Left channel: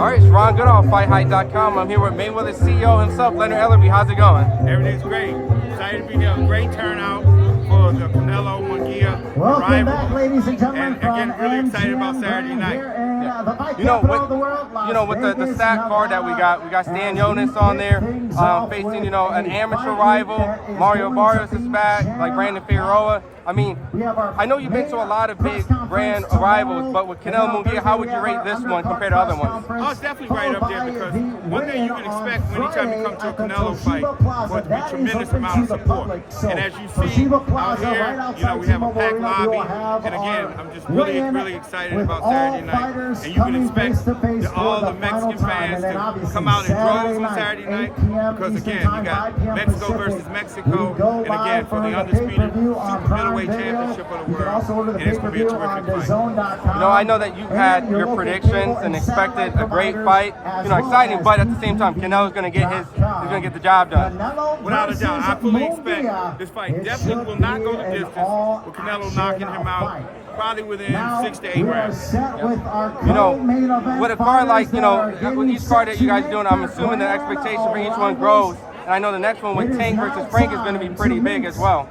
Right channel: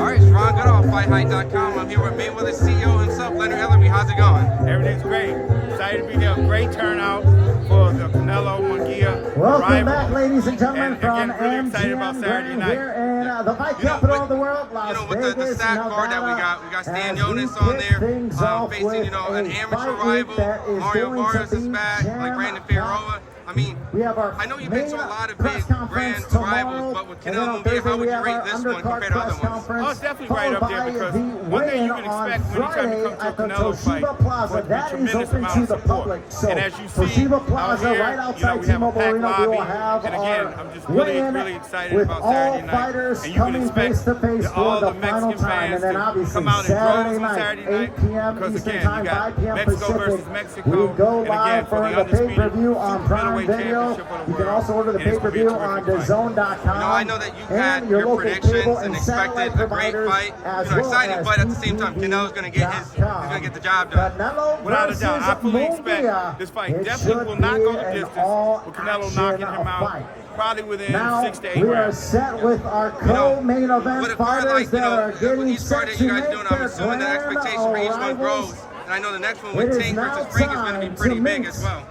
All right, it's Ron Goodall, FightHype.com. I'm here with Mayweather CEO himself, Leonard Ellerby. How's it going? Everything's great. Excited to be here. Great turnout for the Canelo Munguia arrival. And again, really excited about Saturday night. Yeah. With the stat card that we got Stan Jonas on there, facing, an amateur rival. Mario Barrios is back, like Brandon Figueroa. I mean, I know you've been to a lot of big brand rivals, but with Canelo Munguia, how would you rate this one compared to other ones? Oh, it's definitely right up there, because one thing you can expect anytime you come to a Canelo fight for it to be tremendous amount of support. And as you see out here, we have a packed lobby. And again, I'm just really excited about Saturday night. And you can expect all the Mexican fans to come out in droves on Saturday night, because again, you got Mexico versus Mexico, and again, for the undisputed super middleweight championship of the world, and it's going to be a terrific fight. I know that you've had your predictions and expected a great fight, exciting, but at the same time, Canelo's going to get the job done. Without a doubt, I fully expect this fight definitely will not go the distance, with Canelo knocking him out probably within 6 to 8 rounds. With a card like, with each card that you guys are doing, I'm assuming the expectation for each one grows, and I know the next one with Tank versus Frank is going to be pretty big as well.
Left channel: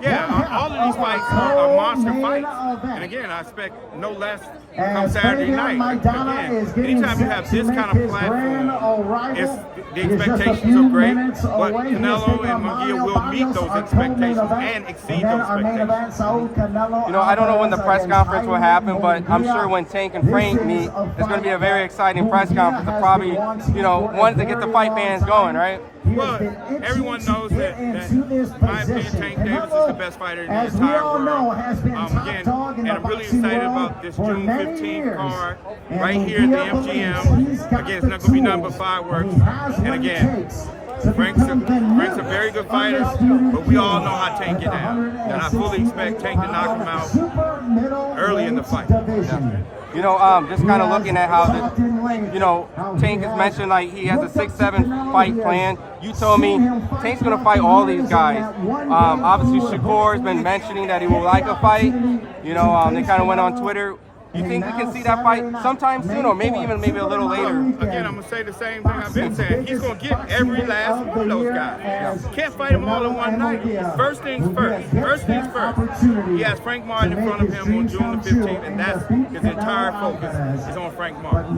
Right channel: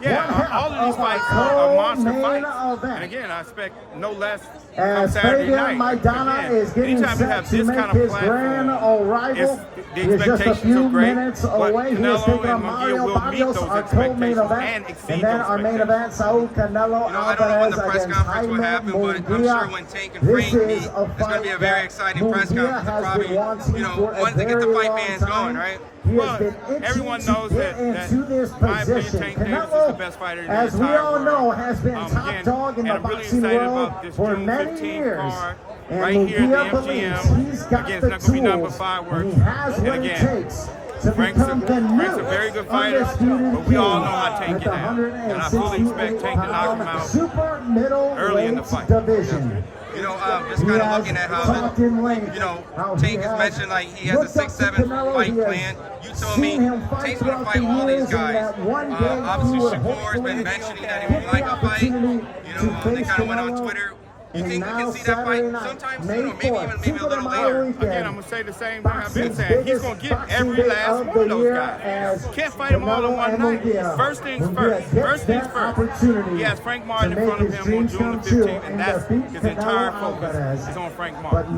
Yeah, all of these fights are monster fights. And again, I expect no less come Saturday night. Again, anytime you have this kind of platform, the expectations are great, but Canelo and Munguia will meet those expectations and exceed those expectations. I don't know when the press conference will happen, but I'm sure when Tank and Frank meet, it's going to be a very exciting press conference to probably, want to get the fight fans going, right? Well, everyone knows that in my opinion, Tank Davis is the best fighter in the entire world. Again, and I'm really excited about this June 15th card right here at the MGM. Again, it's not going to be nothing but fireworks. And again, Frank's a very good fighter, but we all know how Tank get down. And I fully expect Tank to knock him out early in the fight. Yeah. Just kind of looking at how Tank has mentioned, like, he has a 6-7 fight plan. You told me Tank's going to fight all these guys. Obviously, Shakur has been mentioning that he would like a fight. They kind of went on Twitter. You think we can see that fight sometime soon, or maybe a little later? Again, I'm going to say the same thing I've been saying. He's going to get every last one of those guys. Can't fight them all in one night. First things first. He has Frank Martin in front of him on June the 15th, and that's his entire focus is on Frank Martin.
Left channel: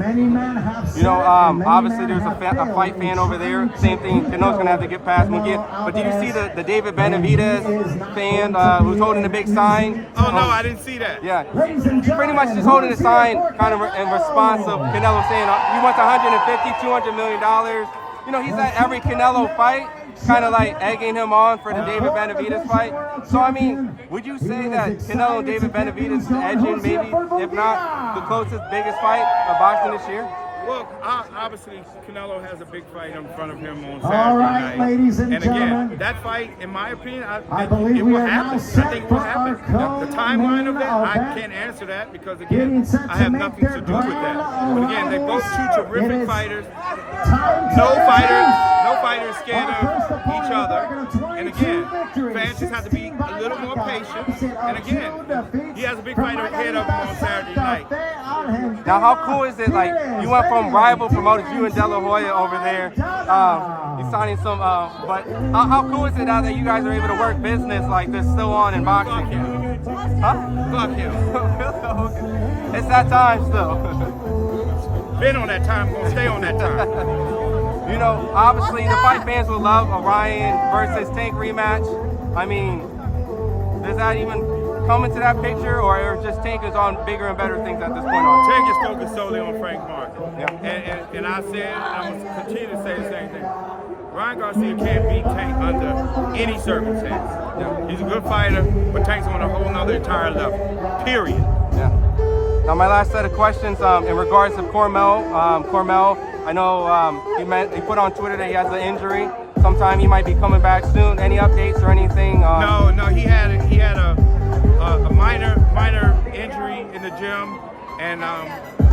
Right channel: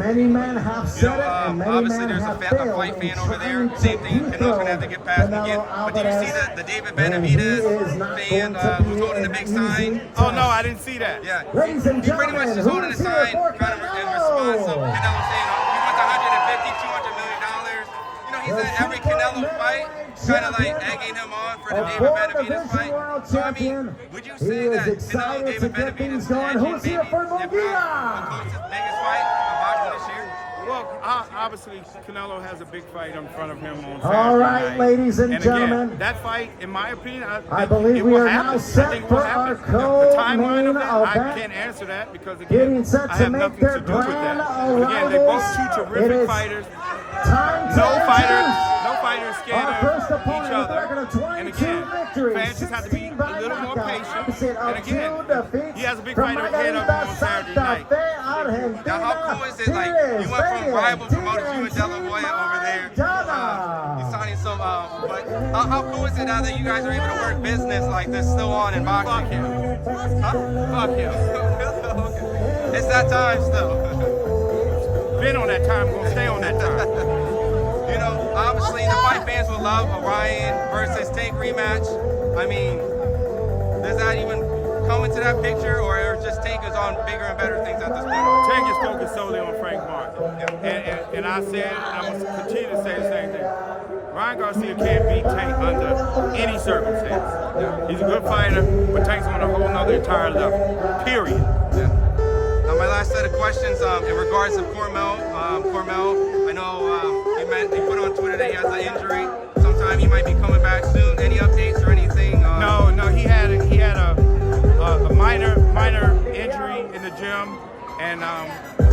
Obviously there's a fight fan over there. Same thing, Canelo's going to have to get past Munguia. But did you see the David Benavidez fan who's holding the big sign? Oh, no, I didn't see that. Yeah. He pretty much just holding the sign kind of in response of Canelo saying, you want the $150, $200 million. He's at every Canelo fight, kind of like egging him on for the David Benavidez fight. So, I mean, would you say that Canelo, David Benavidez is edging maybe, if not the closest, biggest fight of boxing this year? Well, obviously, Canelo has a big fight in front of him on Saturday night. And again, that fight, in my opinion, it will happen. I think it will happen. The timeline of that, I can't answer that because, again, I have nothing to do with that. But again, they both two terrific fighters. No fighter is scared of each other. And again, fans just have to be a little more patient. And again, he has a big fight ahead of him on Saturday night. Now, how cool is it? Like, you went from rival promoters, you and De La Hoya over there. You're signing some, but how cool is it now that you guys are able to work business like this still on in boxing? Fuck him. Huh? Fuck him. Okay. It's that time still. Been on that time, gonna stay on that time. Obviously the fight fans would love a Ryan versus Tank rematch. I mean, does that even come into that picture, or just Tank is on bigger and better things at this point on? Tank is focused solely on Frank Martin. Yeah. And I said, and I'm gonna continue to say the same thing. Ryan Garcia can't beat Tank under any circumstance. Yeah. He's a good fighter, but Tank's on a whole nother entire level. Period. Yeah. Now, my last set of questions in regards to Cormel. I know he put on Twitter that he has an injury. Sometime he might be coming back soon. Any updates or anything? No, he had a minor injury in the gym, and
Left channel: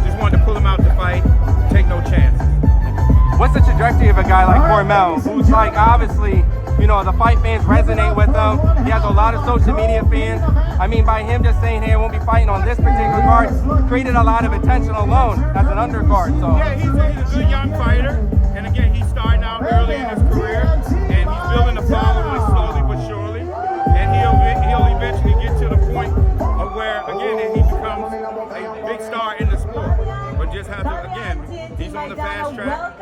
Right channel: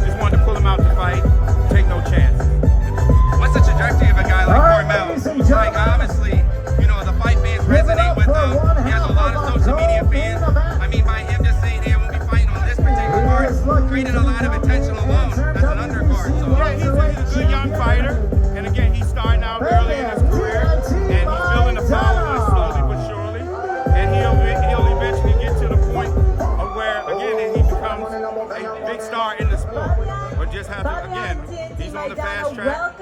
just wanted to pull him out to fight. Take no chance. What's the trajectory of a guy like Cormel? Like, obviously, the fight fans resonate with him. He has a lot of social media fans. I mean, by him just saying, hey, I won't be fighting on this particular card, created a lot of attention alone as an undercard. card. So yeah, he's a good young fighter, and again, he's starting out early in his career, and he's building a following slowly but surely, and he'll eventually get to the point of where, again, he becomes a big star in the sport. But just have to, again, he's on the fast track.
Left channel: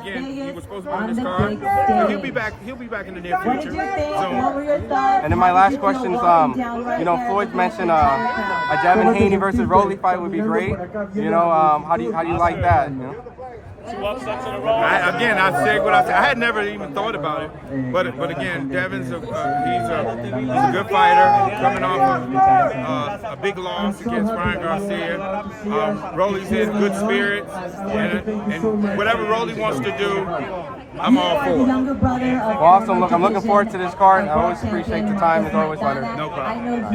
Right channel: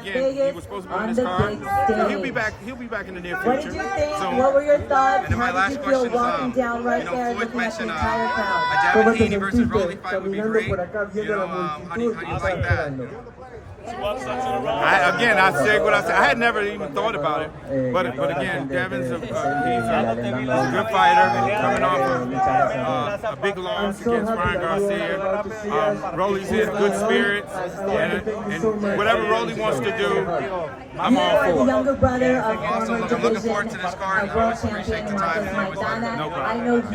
Again, he was supposed to be on this card, but he'll be back in the near future. And then my last question is, you know, Floyd mentioned a Devin Haney versus Rolly fight would be great. You know, how do you like that? You know? I said what I said. I had never even thought about it, but again, Devin's he's a good fighter coming off of a big loss against Ryan Garcia. Rolly's in good spirits, and whatever Rolly wants to do, I'm all for it. Well, also, look, I'm looking forward to this card. I always appreciate the time. It's always better. No problem.